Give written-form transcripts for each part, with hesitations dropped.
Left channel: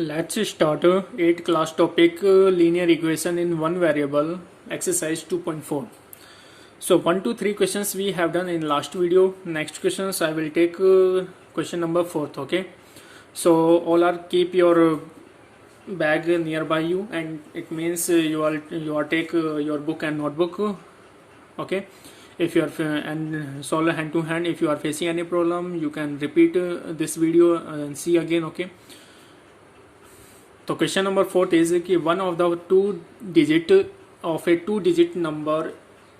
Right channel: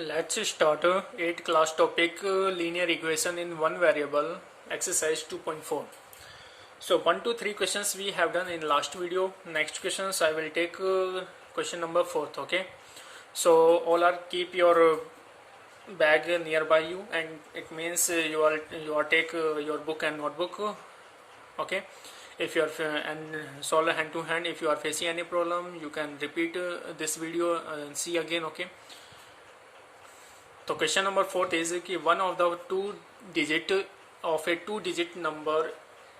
Let's start 8 class topic linear equation in one variable exercise 2.4. So 1 to 3 questions we have done in last video. Next questions I will take question number 4th. Okay, so all are keep your bag nearby you, and it means you are take your book and notebook. Okay, if you are and solve hand to hand. If you are facing any problem, you can repeat this video and see again. Okay. तो question number 4 is कि one of the two digit of a two digit number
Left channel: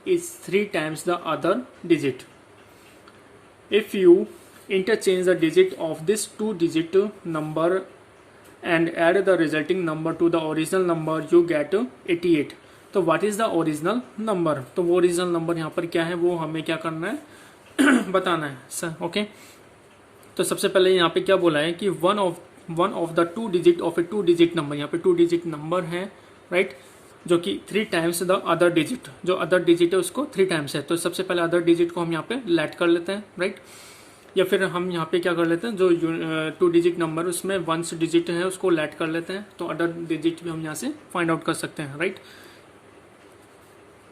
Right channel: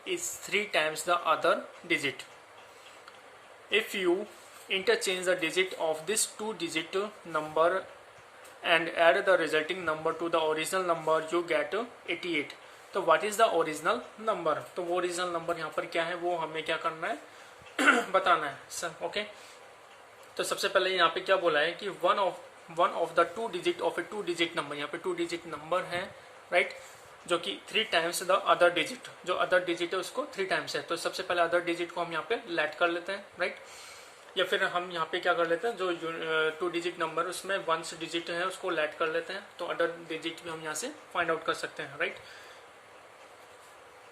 is 3 times the other digit. If you interchange the digit of this two digit number and add the resulting number to the original number you get 88. तो what is the original number? तो वो original number यहाँ पर क्या है वो हमें क्या करना है बताना है सर. ओके, तो सबसे पहले यहाँ पे क्या बोला है कि one of the two digit of a two digit number. यहाँ पे टू डिजिट नंबर है राइट, जो कि 3 times द अदर डिजिट. जो अदर डिजिट है उसको 3 times है. तो सबसे पहले अदर डिजिट को हम यहाँ पे लेट कर लेते हैं राइट, या फिर हम यहाँ पे क्या कर लेते हैं जो टू डिजिट नंबर उसमें 1 डिजिट है उसको लेट कर लेते हैं. तो अदर डिजिट भी हम यहाँ से फाइंड आउट कर सकते हैं राइट.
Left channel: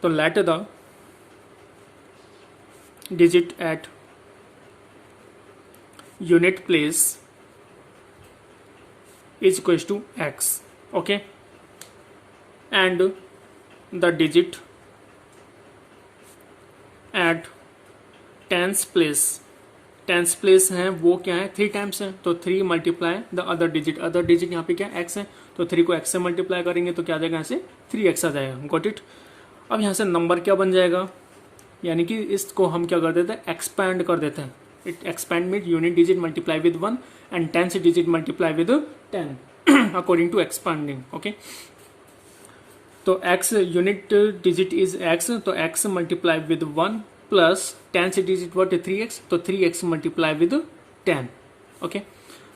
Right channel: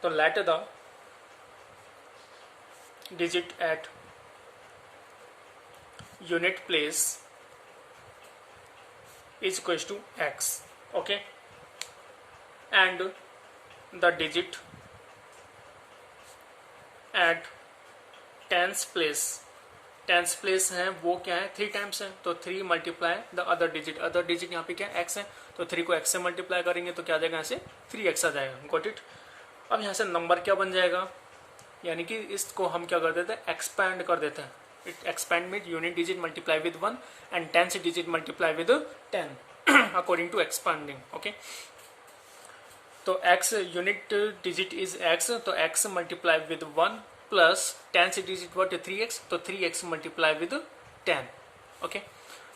तो let the digit at unit place is equals to x. Okay, and the digit at tens place है वो क्या है 3 times है. तो 3 multiply the other digit. Other digit यहाँ पे क्या x है, तो 3 को x से मल्टीप्लाई करेंगे तो क्या आ जाएगा यहाँ से 3x आ जाएगा. Got it. अब यहाँ से नंबर क्या बन जाएगा, यानी कि इसको हम क्या कर देते हैं एक्सपैंड कर देते हैं. It expand with unit digit multiply with 1 and tens digit multiply with 10 according to expanding. Okay, तो x unit digit is x, तो x multiply with 1 plus tens digit what 3x, तो 3x multiply with 10. Okay,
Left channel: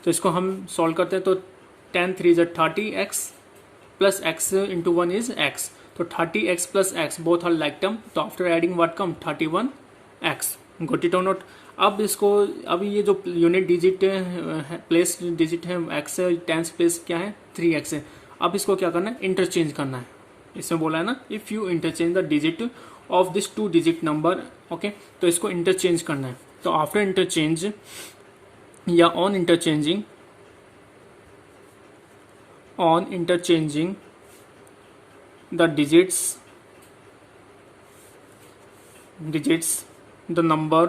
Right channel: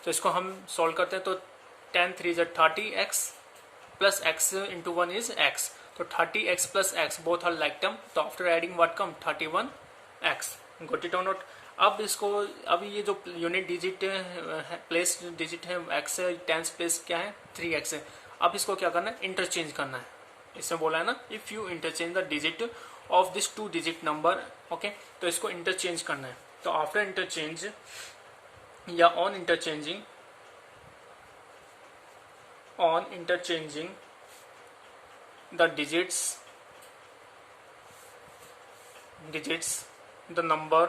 तो इसको हम solve करते हैं. तो 10 3 is 30x plus x into 1 is x. तो 30x plus x both are like term. तो after adding what come 31x. Got it or not? अब इसको अब ये जो यूनिट डिजिट प्लेस डिजिट है x है, टेंस प्लेस क्या है 3x है. अब इसको क्या करना है इंटरचेंज करना है. इसमें बोला है ना if you interchange the digit of this two digit number. Okay, तो इसको इंटरचेंज करना है. तो आफ्टर इंटरचेंज या on interchanging the digits the number.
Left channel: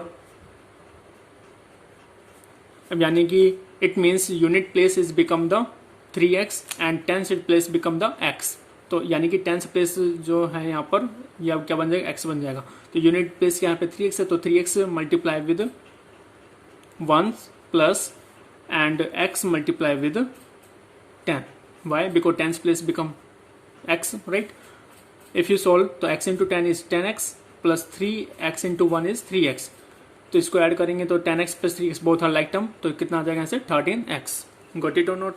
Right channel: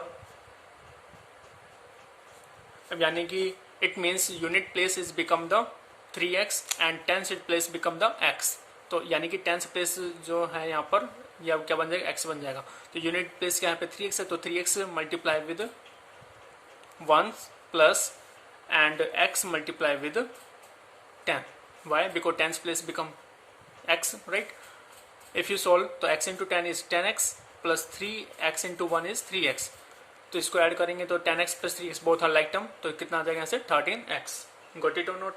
अब यानी कि it means unit place is become the 3x and tense place become the x. तो यानी कि टेंस प्लेस जो है यहाँ पर या क्या बन जाएगा x बन जाएगा. तो यूनिट प्लेस क्या यहाँ पे 3x है, तो 3x multiply with 1 plus and x multiply with 10. Why? Because tens place become x right. If you solve तो x into 10 is 10x plus 3x into 1 is 3x. तो इसको ऐड करेंगे तो 10x plus 3x both are like term. तो कितना आ जाएगा यहाँ से 13x. Got it or not.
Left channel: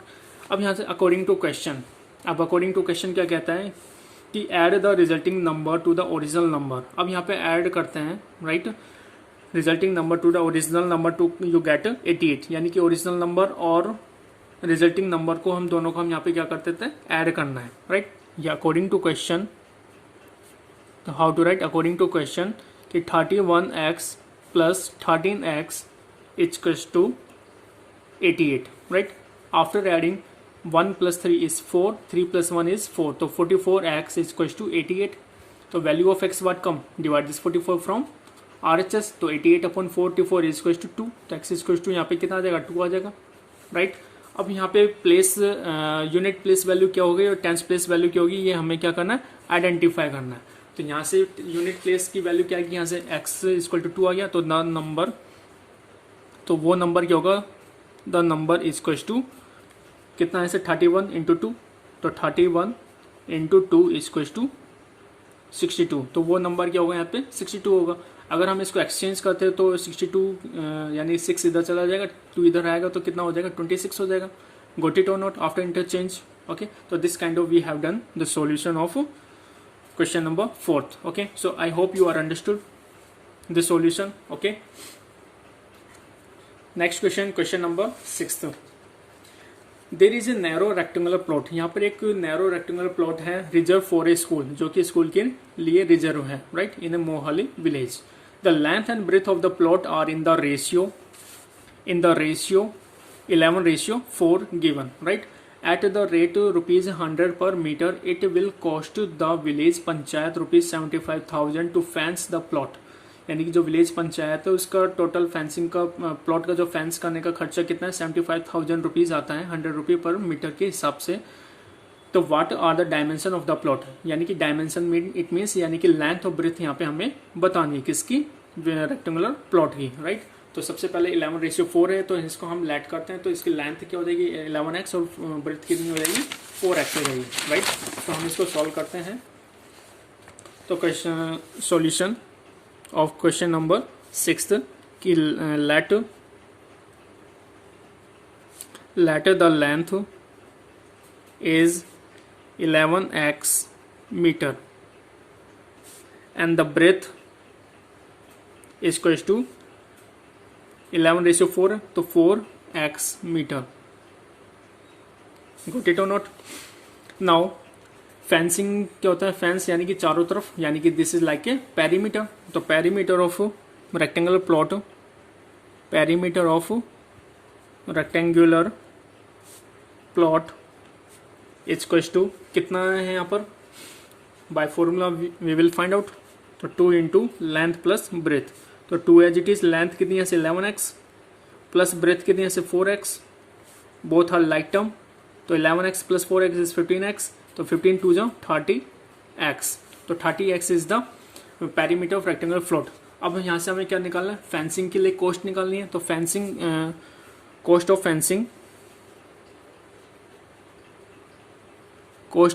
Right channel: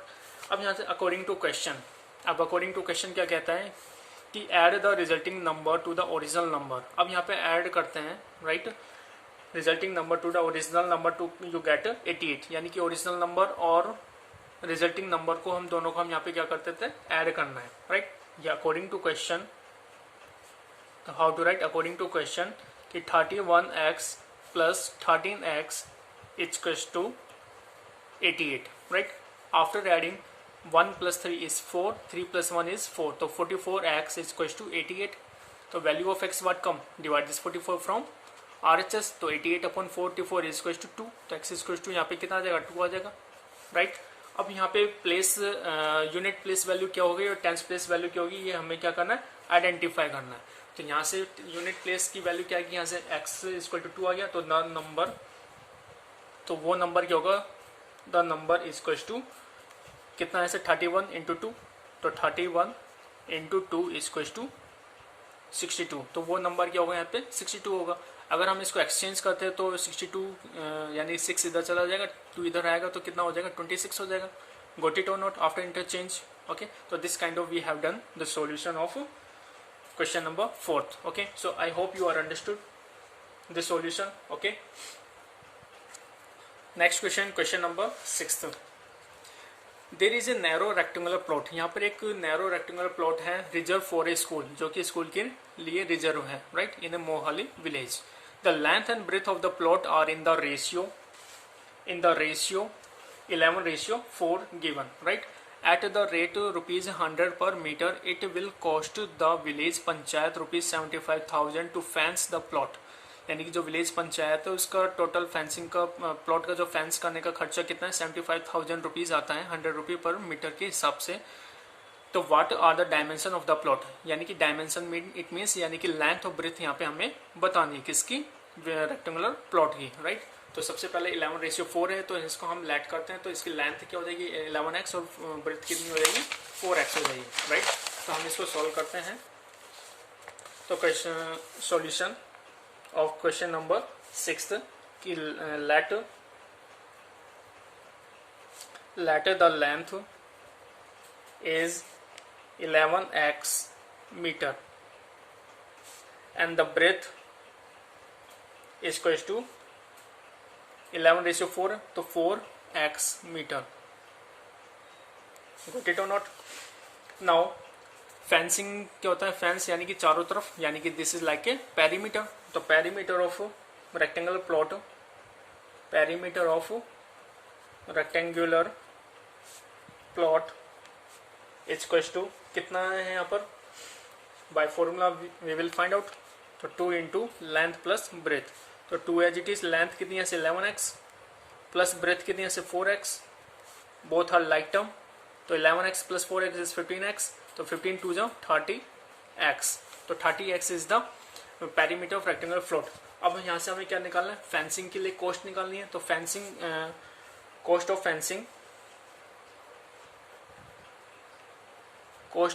अब यहाँ से अकॉर्डिंग टू क्वेश्चन. अब अकॉर्डिंग टू क्वेश्चन क्या कहता है कि add the resulting number to the original number. अब यहाँ पे ऐड करते हैं right, resulting number to the original number two you get 88. यानी कि ओरिजिनल नंबर और रिजल्टिंग नंबर को हम दोनों को हम यहाँ पे क्या करते थे ऐड करना है राइट. या अकॉर्डिंग टू क्वेश्चन. तो how to write according to question कि 31x plus 13x is equals to 88 right. After adding 1 plus 3 is 4, 3 plus 1 is 4. तो 44x is equals to 88. तो value of x what come, divide this 44 from RHS. तो 88 upon 44 is equals to 2. तो x is equals to यहाँ पे कितना आ जाएगा 2 आ जाएगा राइट. अब यहाँ पे प्लेस यूनिट प्लेस वैल्यू क्या होगी और टेंस प्लेस वैल्यू क्या होगी ये हमें क्या करना है आइडेंटिफाई करना है. तो यहाँ से यूनिट प्लेस की वैल्यू क्या है, यहाँ से x इक्वल टू 2 आ गया. तो द नंबर, तो वो नंबर क्या होगा, द नंबर इक्वल टू कितना है 31 इंटू 2. तो 31 इंटू 2 इक्वल टू 62. तो वो नंबर क्या होगा यहाँ पे 62 होगा. अगर हम इसको एक्सचेंज करते हैं तो 62 यानी 6 इधर चला जाएगा, 2 इधर आएगा तो कितना हो जाएगा 26 हो जाएगा. Got it or not after interchange. Okay, तो this kind of we have done the solution of question number 4th. Okay, so I hope you are understood the solution. Okay, next question, question number 6th. There is a narrow rectangular plot, यहाँ पर एक narrow rectangular plot है reserve for a school, जो कि school के लिए reserve है, right, in a Mohali village. The length and breadth of the plot are in the ratio 11:4 given, right. At the rate ₹100 per meter, it will cost the village panchayat ₹75,000 to fence the plot. यानी कि जो village panchayat है उसका total fencing का plot का जो fence करने का खर्चा कितना है, 75,000 रुपीज आता है, 100 रुपये पर मीटर के हिसाब से. तो what are the dimension of the plot, यानी कि डायमेंशन मीन इट मीन्स यानी कि लेंथ और ब्रेथ यहाँ पे हमें बतानी है किसकी, रेक्टेंगुलर प्लॉट की, राइट. तो सबसे पहले 11:4 है, तो इसको हम लेट करते हैं. तो इसकी लेंथ क्या हो जाएगी 11x और ब्रेथ कितनी हो जाएगी 4x हो जाएगी, राइट. तो हम इसको सॉल्व करते हैं. तो question solution of question number 6 की late the length is 11x meter and the breadth is equals to 11:4 तो 4x meter. Got it or not? Now fencing क्या होता है, फेंस यानी कि चारों तरफ, यानी कि this is like a perimeter. तो perimeter of rectangular plot, perimeter of rectangular plot is equals to कितना है यहाँ पर, by formula we will find out. तो 2 इंटू लेंथ प्लस ब्रेथ. तो 2 एज इट इज, लेंथ कितनी है से 11x प्लस ब्रेथ कितनी है से 4x, both are like term. तो 11x plus 4x is 15x. तो 15 2 जा 30x. तो 30x is the perimeter of rectangular plot. अब यहाँ से हमें क्या निकालना है, फेंसिंग के लिए कॉस्ट निकालनी है. तो fencing cost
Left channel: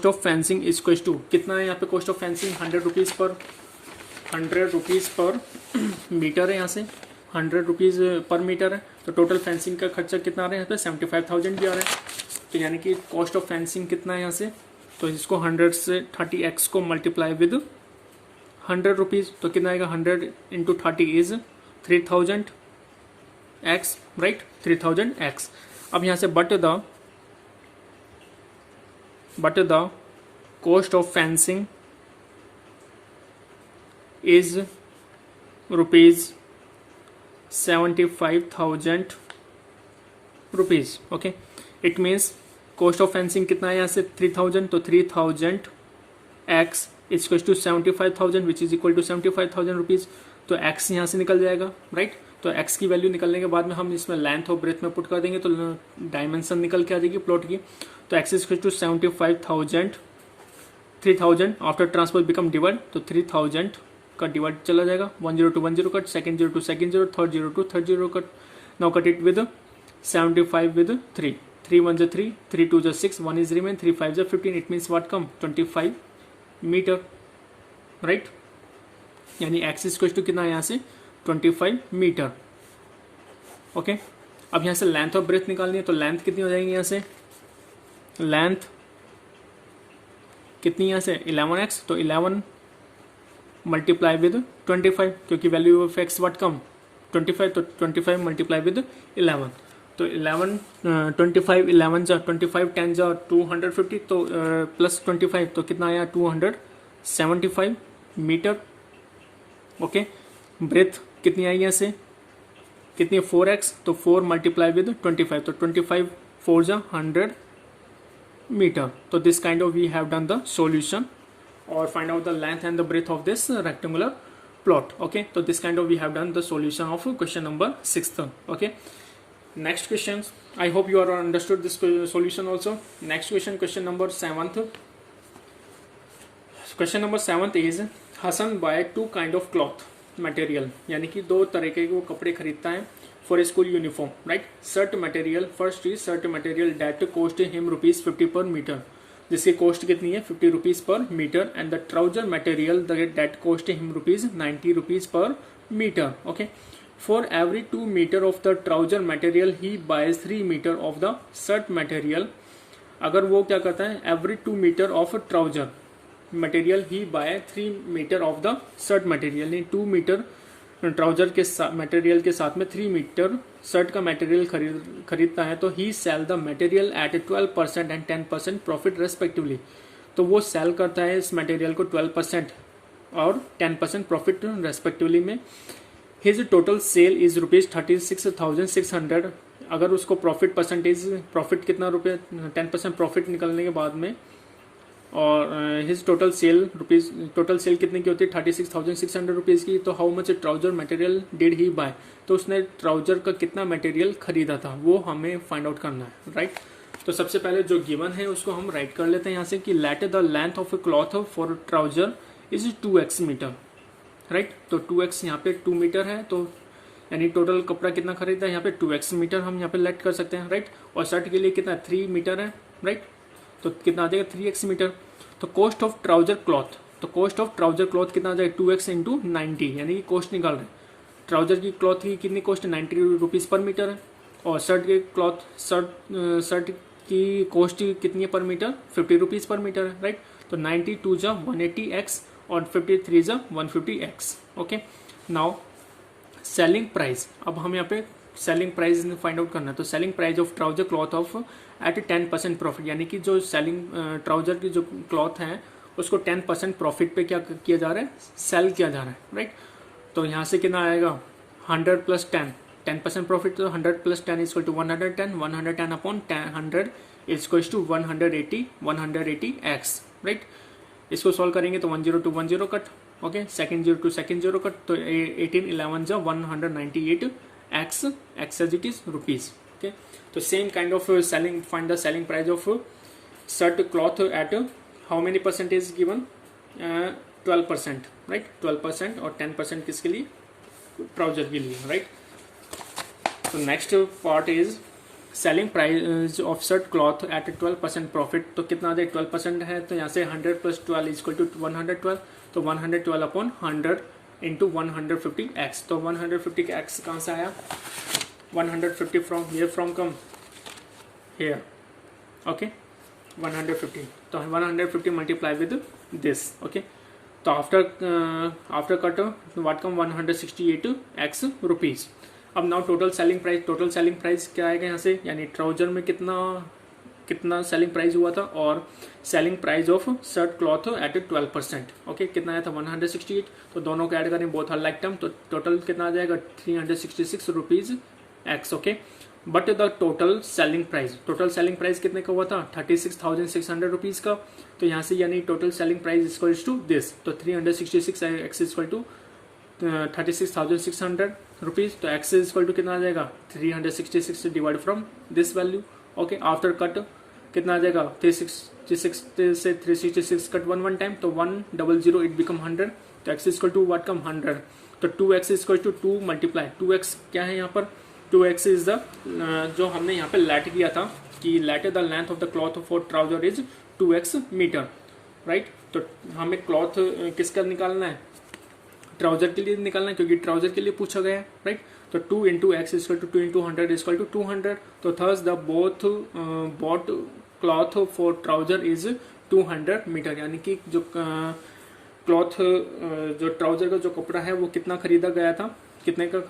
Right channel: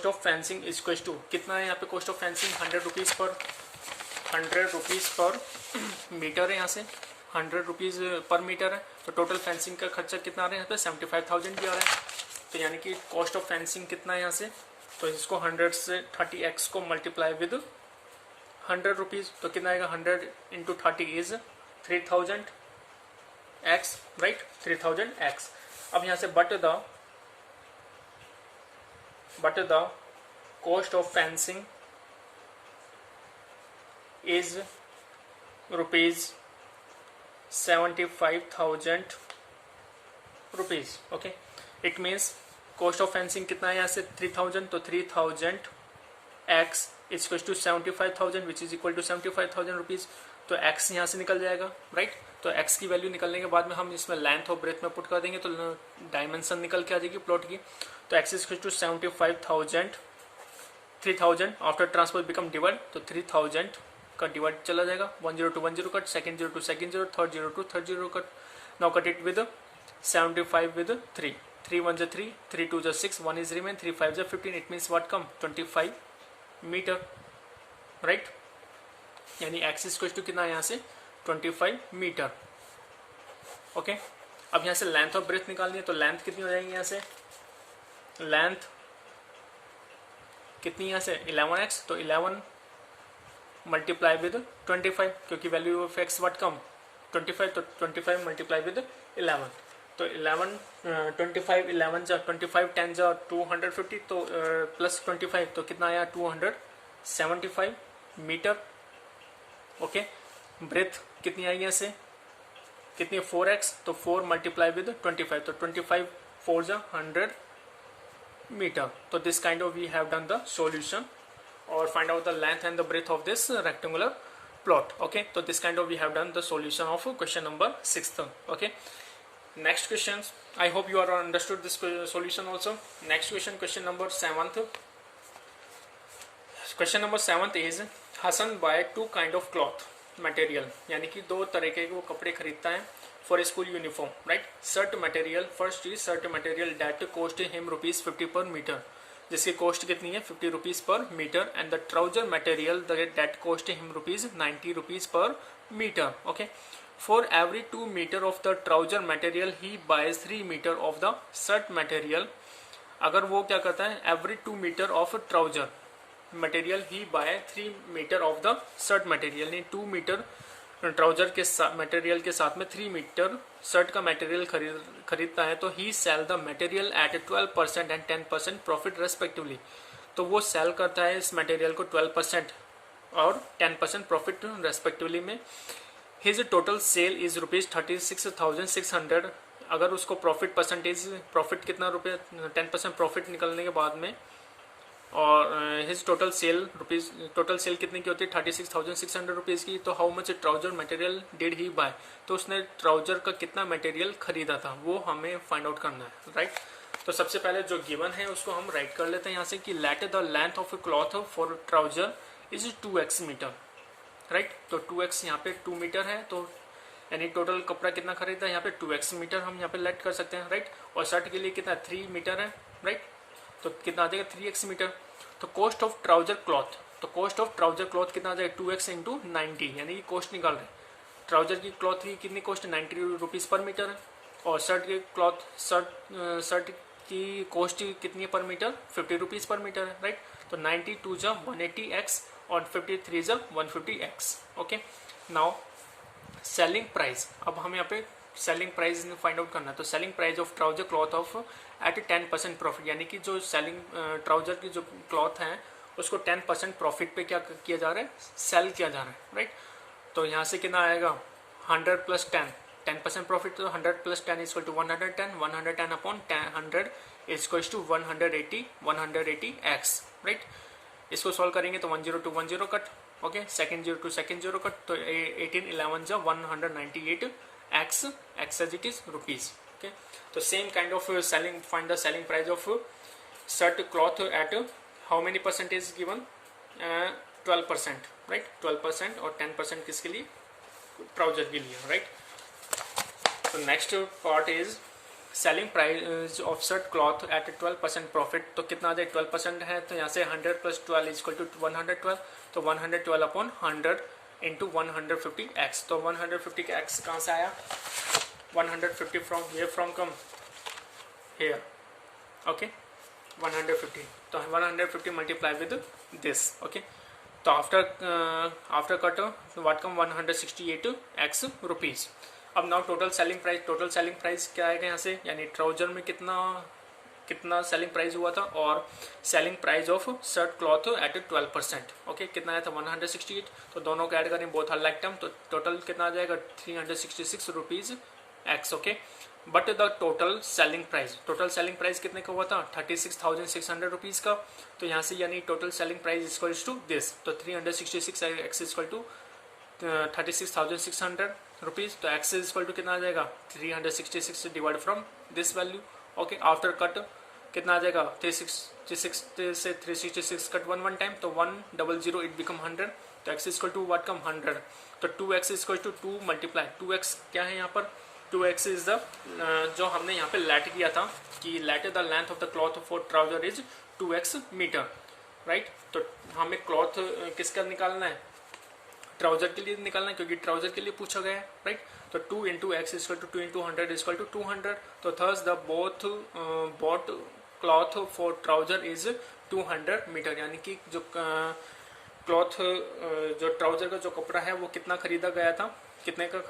of fencing is equal to कितना है यहाँ पे, cost of fencing 100 rupees per metre है. यहाँ से 100 रुपीज पर मीटर है. तो टोटल फेंसिंग का खर्चा कितना आ रहा है यहाँ पे 75,000 भी आ रहा है. तो यानी कि कॉस्ट ऑफ फेंसिंग कितना है यहाँ से, तो इसको 100 से 30x को मल्टीप्लाई विद 100 रुपीज. तो कितना आएगा 100 into 30 is 3000x, right, 3000x. अब यहाँ से but the cost of fencing is ₹75,000. Okay, it means cost of fencing कितना है यहाँ से 3000. तो 3000x is equal to 75,000 which is equal to 75,000 rupees. तो x यहाँ से निकल जाएगा, राइट. तो x की वैल्यू निकलने के बाद में हम इसमें लेंथ और ब्रेथ में पुट कर देंगे तो डायमेंशन निकल के आ जाएगी प्लॉट की. तो x is equal to 75,000, 3000 after transpose become divide. तो 3000 का डिवाइड चला जाएगा, 1 0 to 1 0 cut, second 0 to second 0, third 0 to third 0 cut. Now cut it with 75 with 3, 3 1 जा 3, 3 2 जा 6, 1 is remain, 3 5 जा 15. It means what come 25 metre, right. यानी x is equal to कितना यहाँ से 25 मीटर. ओके, अब यहाँ से लेंथ और ब्रेथ निकालनी है. तो लेंथ कितनी हो जाएगी यहाँ से, लेंथ कितनी यहाँ से 11x. तो 11 मल्टीप्लाई विद 25, क्योंकि value of x what come 25. तो 25 मल्टीप्लाई विद 11. तो 11 25 11 जा 25 10 जा 250. तो प्लस 25 तो कितना आया 275 मीटर. ओके, ब्रेथ कितनी आई यहाँ से, कितनी 4x. तो 4 मल्टीप्लाई विद 25. तो 25 4 जा 100 मीटर. तो this kind of we have done the solution or find out the length and the breadth of this rectangular plot. Okay, so this kind of we have done the solution of question number 6th. Okay, next questions, I hope you are understood this solution also. Next question, question number 7th. Question number 7th is Hassan buy 2 kind of cloth material, यानी कि 2 तरह के वो कपड़े खरीदता है for a school uniform, right. Shirt material, first is shirt material that cost him ₹50 per meter, जिसकी cost कितनी है 50 rupees per metre. And the trouser material that cost him ₹90 per metre. Okay, for every 2 metre of the trouser material he buys 3 metre of the shirt material. अगर वो क्या करता है, every 2 metre of trouser material he buy 3 metre of the shirt material. यानी 2 metre trouser के material के साथ में 3 मीटर शर्ट का मटेरियल खरीदता है तो he sell the material at 12% and 10% profit respectively. तो वो सेल करता है इस मटेरियल को 12% और 10% प्रॉफिट रेस्पेक्टिवली में। His total sale is ₹36,600। अगर उसको प्रॉफिट कितना रुपये 10% प्रॉफिट निकलने के बाद में, और हिज टोटल सेल कितने की होती है 36,600 रुपीज़ की। तो how much trouser material did he buy, तो उसने ट्राउजर का कितना मटेरियल खरीदा था वो हमें फाइंड आउट करना है, राइट। तो सबसे पहले जो गिवन है उसको हम राइट कर लेते हैं यहाँ से कि let the length of a cloth for trouser is 2x metre, right. तो 2x यहाँ पे 2 मीटर है, तो यानी टोटल कपड़ा कितना खरीदा है यहाँ पे 2x मीटर हम यहाँ पे लेट कर सकते हैं, राइट। और शर्ट के लिए कितना 3 मीटर है, राइट। तो कितना आ जाएगा 3x मीटर। तो कॉस्ट ऑफ ट्राउजर क्लॉथ, तो कॉस्ट ऑफ ट्राउजर क्लॉथ कितना आ जाएगा 2x इंटू 90, यानी कि कॉस्ट निकाल रहे हैं। ट्राउजर की क्लॉथ की कितनी कॉस्ट 90 रुपीज़ पर मीटर है, और शर्ट की शर्ट की कॉस्ट कितनी है पर मीटर 50 रुपीज़ पर मीटर है, राइट। तो 92 जा 180x और 53 जा 150x। Okay, now selling price. अब हम यहाँ पे सेलिंग प्राइस फाइंड आउट करना है। तो selling price of trouser cloth of at 10% profit, यानी कि जो सेलिंग ट्राउजर की जो क्लॉथ है उसको 10% प्रॉफिट पे क्या किया जा रहा है, सेल किया जा रहा है, राइट। तो यहाँ से कितना आएगा 100 प्लस 10% प्रॉफिट, तो 100 plus 10 is to 110, 110 upon 100 is to 180x, right. इसको सॉल्व करेंगे तो 10 to 10 cut, okay, second 0 to second 0 cut, तो 18 11 जा 198x as it is rupees. Okay, तो same kind of selling, find the selling price of shirt cloth at how many percent is given 12%, right. 12% और 10% किसके लिए, trouser के लिए, right. तो next part is selling price of shirt cloth at 12% profit. तो कितना आ जाए 12% है, तो यहाँ से 100 प्लस 12 इज इक्वल टू 112, तो 112 अपॉन 100 इंटू 150x। तो 150x कहाँ से आया, 150 from here, from come here, okay, 150। तो 150 मल्टीप्लाई विद दिस, ओके। तो after cut what come 168x rupees. अब नाउ टोटल सेलिंग प्राइस क्या आएगा यहाँ से, यानी ट्राउजर में कितना सेलिंग प्राइस हुआ था, और selling price of shirt cloth at 12%, okay, कितना आया था 168। तो दोनों को ऐड करें, बोथ आर लाइक टर्म, तो टोटल कितना आ जाएगा 366 rupees x, okay. But the total selling price कितने का हुआ था 36,600 रुपीज का। तो यहाँ से यानी total selling price equal to this, तो 366 एक्स इक्वल टू 36,600 रुपीज। तो एक्स इज इक्वल टू कितना आ जाएगा 366 divide from this value, okay. After cut कितना आ जाएगा 366 से 366 कट 1 टाइम, तो 100 इट बिकम 100। तो x is equal to what come 100, तो 2x is equal to 2 multiply 2x क्या है यहाँ पर 2x इज द जो हमने यहाँ पे लेट किया था कि let the length of the cloth for trouser is 2x metre, right. तो हमें क्लॉथ किसका निकालना है, ट्राउजर के लिए निकालना है, क्योंकि ट्राउजर के लिए पूछा गया है, राइट। तो 2 into x equal to 2 into 100 equal to 200। तो thus the bought cloth for trouser is 200 metre, यानी कि जो क्लॉथ जो ट्राउजर का जो कपड़ा है वो कितना खरीदा गया था, कितने का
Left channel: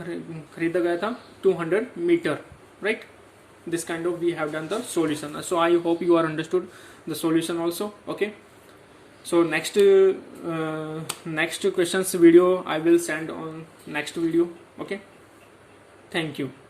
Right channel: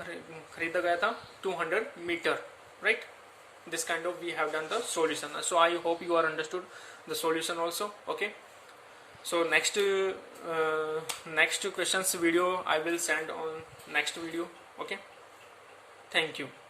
खरीदा गया था 200 metre, right. This kind of we have done the solution. So I hope you are understood the solution also, okay. So next questions video I will send on next video, okay. Thank you.